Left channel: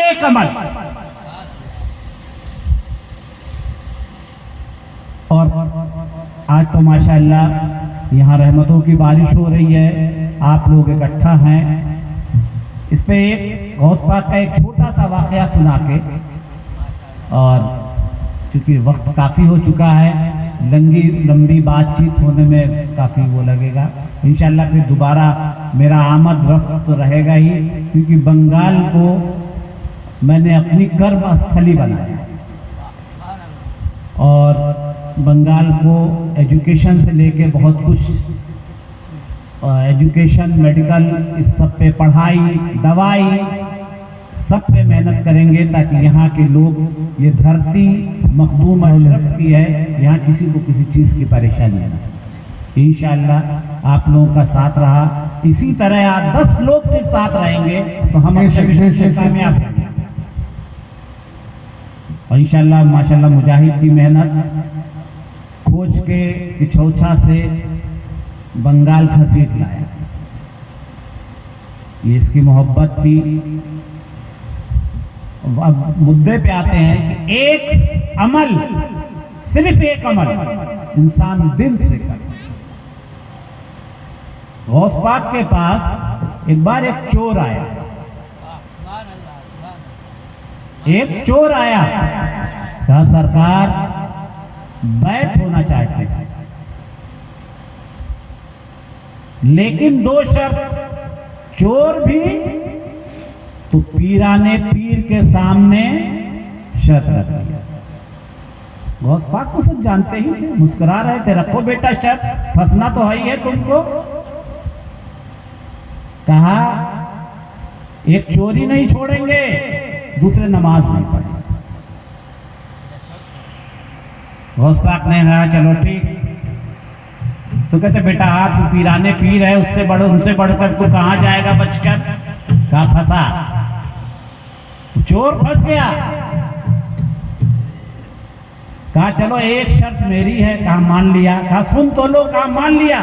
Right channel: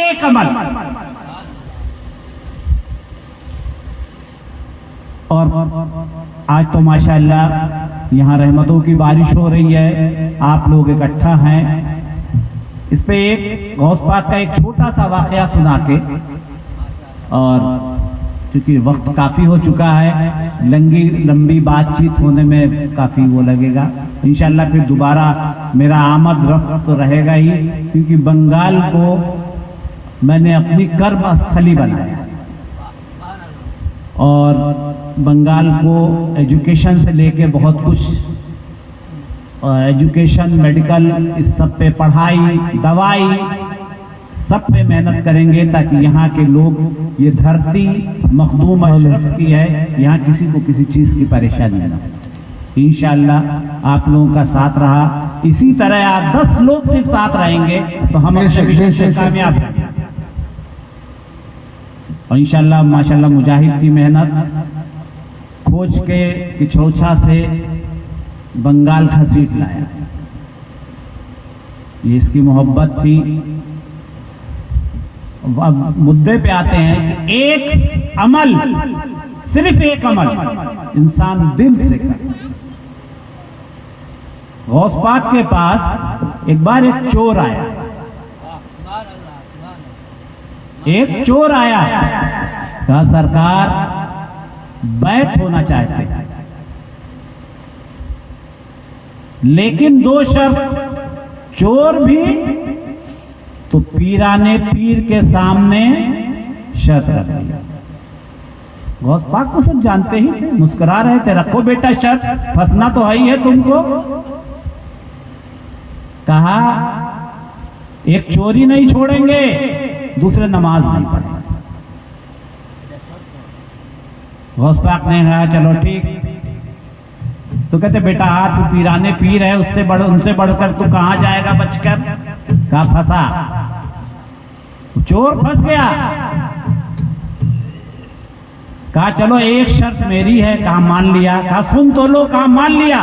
एक अमल। और आज तो माशाअल्लाह यहाँ रहमतों की बारिश हो रही है, आप लोग इकट्ठा हैं। इस पे एक गौस पाक का एक छोटा सा वाकया सुना के, और क्योंकि वक्त काफी हो चुका है, लंबी बातचीत होने में काफी वो लगेगा। इंशाल्लाह फिर दोबारा मेरा आमद रफ्त तो रहेगा ही, क्योंकि बंगाल को मैंने अपनी कर्म स्थली बनाया और बंगाल को एजुकेशन से लेके बहुत कुछ, एजुकेशन, मेडिकल, इस सब पे, पढ़ाई, दवाई, सब पे मेहनत करेंगे ताकि यहाँ के लोग, ये धरती मखदूम अशरफ की है, यहाँ किसी को किसी चीज की परेशानी ना। इंशाअल्लाह आप लोगों का साथ रहा, इसी तरह आप 10 लोग सिर्फ साथ रहेंगे तो हम मिशन से कामयाब हैं। और इंशाअल्लाह माशाअल्लाह मुजाहिद की मेहनत, खोज के पिछौछा से बंगाल घसीट लाया, ये इसकी मोहब्बत थी। अब मुद्दे पे आते हैं कि एक अमल, सिर्फ एक अमल इंसान दिल से करे। गौस पाक के पास एक बार एक चोर आया, कहा सरकार बैत होना चाहते हैं, लेकिन 2 शर्त। चोर भी तो पीराने पीर के सामने शर्त रख दिया। गौस पाक को सब जानते ही थे, मुस्कुरा रहे थे, रखो बेटा शर्त, फंसना तो है ही है तुमको। कहा एक चोरी नहीं छोड़ेंगे, दूसरे नमाज नहीं पढ़ेंगे। गौस पाक ने कहा चलो ठीक। तो कहते बेटा तू पीराने पीर है, उनसे बढ़कर तू कहां जाएगा बचकर? कहा फंसा। चोर फंस गया। कहा चलो एक शर्त मेरी है। कहा मान लिया। कहा सुन तो लो। कहा मान लिया।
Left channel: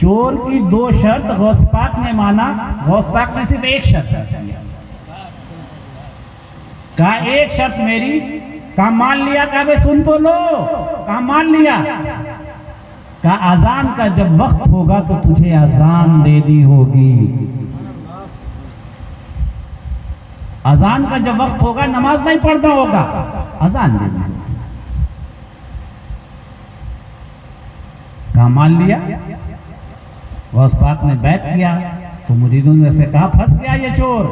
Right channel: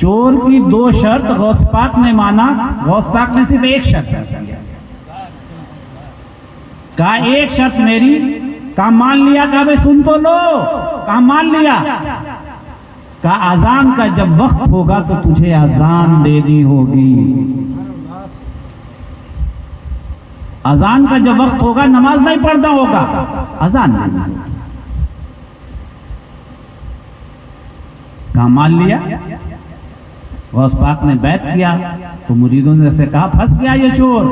चोर की 2 शर्त गौस पाक ने माना, गौस पाक ने सिर्फ एक शर्त दिया। कहा एक शर्त मेरी। कहा मान लिया। कहा भाई सुन तो लो। कहा मान लिया। कहा अजान का जब वक्त होगा तो तुझे अजान देनी होगी। अजान का जब वक्त होगा, नमाज नहीं पढ़ना होगा, अजान देनी होगी। कहा मान लिया। गौस पाक ने बैत किया तो मुरीदों ने से कहा फंस गया ये चोर।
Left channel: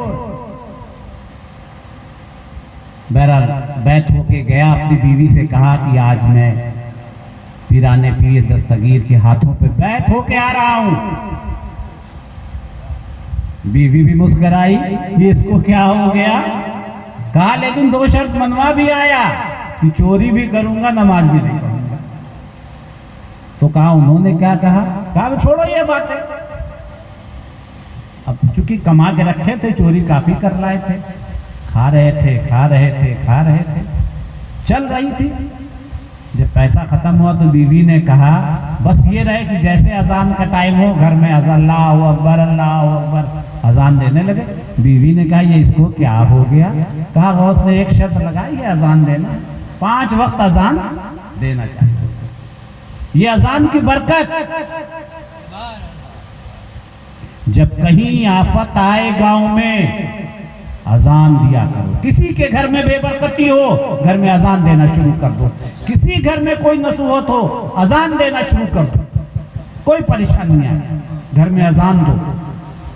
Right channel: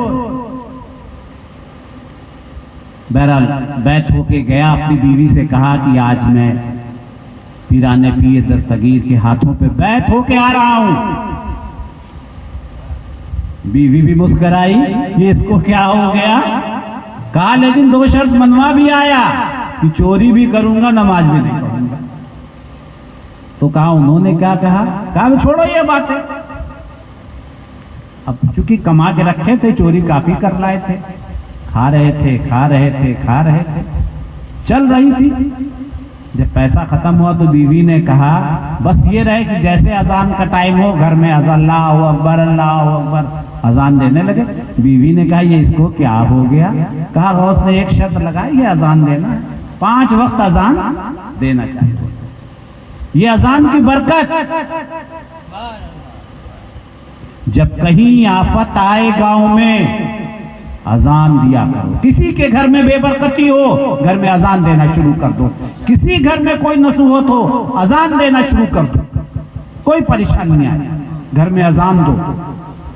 बहरहाल बैत होके गया, अपनी बीवी से कहा कि आज मैं पीराने पीर दस्तगीर के हाथों पे बैत होके आ रहा हूं। बीवी भी मुस्कुराई कि इसको क्या हो गया। कहा लेकिन 2 शर्त मनवा भी आया कि चोरी भी करूंगा, नमाज भी नहीं पढ़ूंगा। तो कहा उन्होंने क्या कहा? कहा छोड़ो ये बातें। अब चूंकि कमा के रखे थे, चोरी काफी कर लाए थे, खा रहे थे, चल रही थी। जब पैसा खत्म हुआ तो बीवी ने कहा बस ये रहे कि जैसे अजान का टाइम हो, घर में अल्लाहु अकबर अल्लाहु अकबर अजान देने लगे। बीवी ने कहा ये इसको क्या हो गया? कहा गौस ने एक शर्त लगाई है अजान देना, 5 वक्त अजान देना चाहिए। ये अजान की बरकत। जब कहीं आफत आए गांव में, अजान दिया करो। किसी के घर में बेबरकती हो, घर में अजान देना शुरू कर दो। किसी घर में कोई नसूहत हो, अजान देना शुरू कर दो। कोई परेशानी नहीं आए, घर में अजान दो,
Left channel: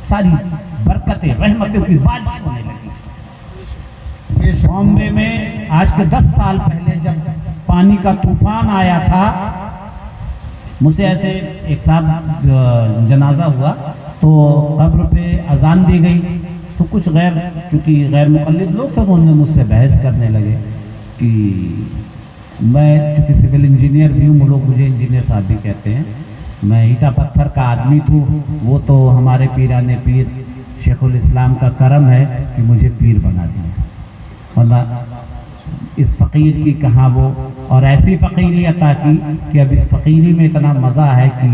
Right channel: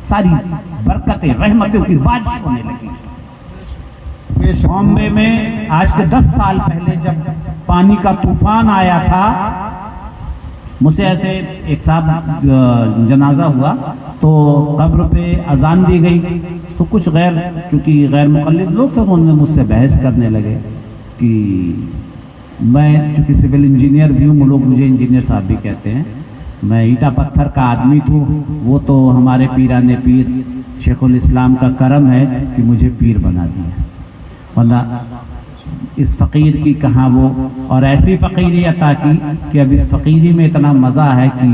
सारी बरकतें रहमतों की बारिश होने लगी। बॉम्बे में आज के 10 साल पहले जब पानी का तूफान आया था, मुझसे ऐसे एक साहब जनाजा हुआ तो कब्र पे अजान दी गई, तो कुछ क्योंकि गैर मुकल्लिद लोग थे, उन्होंने मुझसे बहस करने लगे कि मैं चूंकि सिविल इंजीनियर भी हूँ, लोग मुझे इंजीनियर साहब भी कहते हैं, मैं ईटा पत्थर का आदमी थूँ, वो तो हमारे पीराने पीर शेखुल इस्लाम का करम है कि मुझे पीर बना दिया, वरना इस फ़कीर की कहाँ वो, और ऐसी फ़कीरी अता की कि अब इस फ़कीरी में इतना मज़ा है कि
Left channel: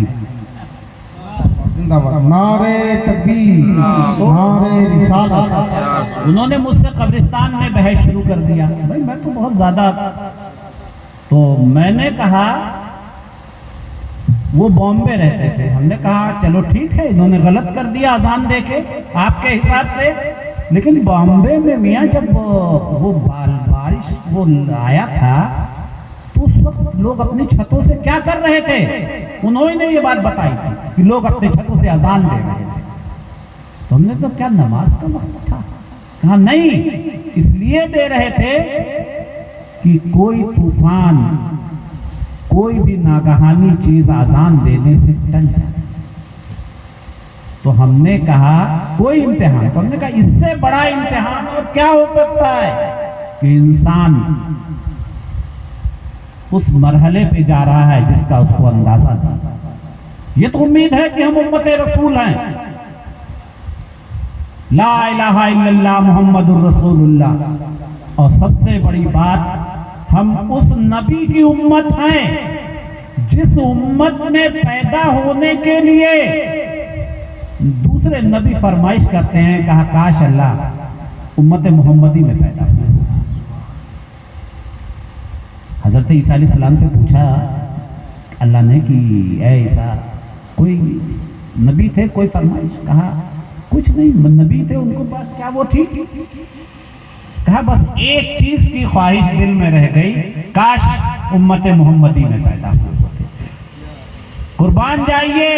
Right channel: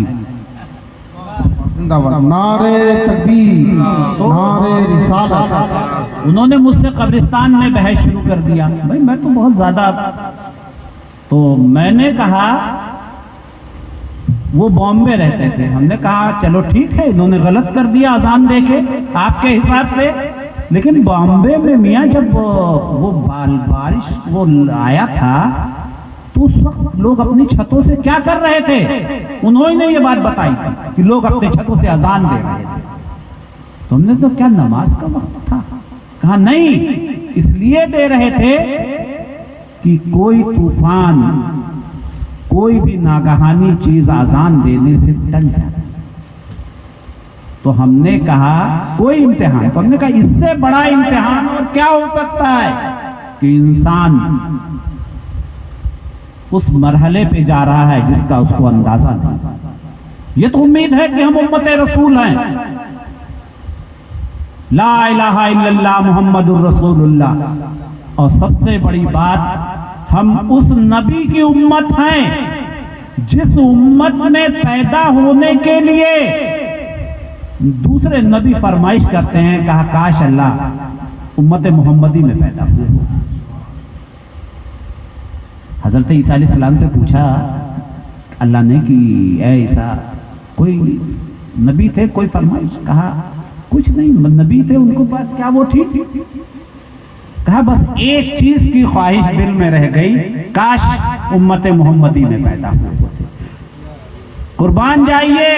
जिंदाबाद। नारे तकबीर, नारे रिसालत। उन्होंने मुझसे कब्रिस्तान में बहस शुरू कर दिया। भाई मैं तो बहुत ज्यादा, तो मैंने कहा वो बॉम्बे रहते थे, हमने कहा चलो ठीक है, इन्होंने गलत कर दिया अजान देके आपके हिसाब से, लेकिन बॉम्बे में मियाँ जब वो बारिश वो आया था तो उस वक्त लोग अपनी छतों से क्या कर रहे थे? उन्होंने ये बात बताई कि लोग अपनी छतों से अजान दे रहे थे। तुमने तो क्या नमाज का वक्त था? कहा नहीं, इसलिए दे रहे थे कि कोई तूफान, कोई भी नागहानी चीज अजान देने से टल जाए। तो हमने कहा कोई इम्तिहान, तो हमने कहा इससे बड़ा इम्तिहान और क्या हो सकता है कि इंसान उस मरहले पे जा रहा है जिसका उसको अंदाजा नहीं। ये तो उम्मीद है कि हम उम्मत रसूल हैं, ला इलाहा इल्लल्लाह मुहम्मदुर रसूलुल्लाह। और सबसे बड़ी बात, हम उस नबी की उम्मत हैं जिस उम्मत में पैदा होने के लिए दूसरे नबी फरमाइश करते हैं, कहा काश अल्लाह उम्मत मोहम्मदी में पैदा हुए। हजरत ईसा अलैहिस्सलाम से पूछा अल्लाह ने कि ऐ ईसा, कोई नबी थे, कोई फरमाइश? कहा कुछ नहीं, नबी थे, उनके पास क्या वो थी? कहा बस एक चीज की ख्वाहिश दिल में रह गई, काश उम्मत मोहम्मदी में पैदा हुए होते। कुर्बान जाइए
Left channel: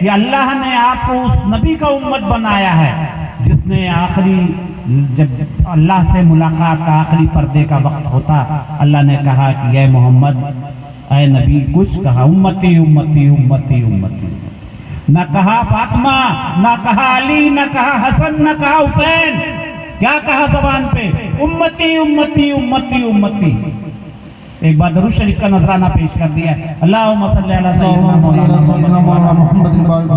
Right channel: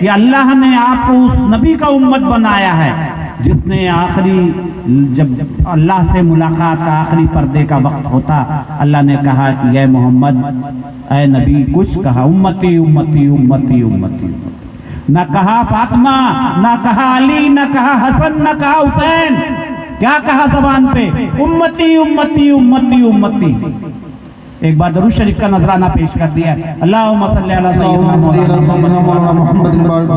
कि अल्लाह ने आपको उस नबी का उम्मत बनाया है जिसने आखिरी, जब अल्लाह से मुलाकात का आखिरी पर्दे का वक्त होता, अल्लाह ने कहा कि ऐ मोहम्मद, ऐ नबी, कुछ कहा उम्मती उम्मती उम्मती उम्मती। न कहा फातिमा, न कहा अली, न कहा हसन, न कहा हुसैन, क्या कहा जबान पे? उम्मती उम्मती उम्मती उम्मती। एक बार दरूद शरीफ का नजराना पेश कर दिया, अल्लाहुम्मा सल्ली अला सय्यिदना मुहम्मद।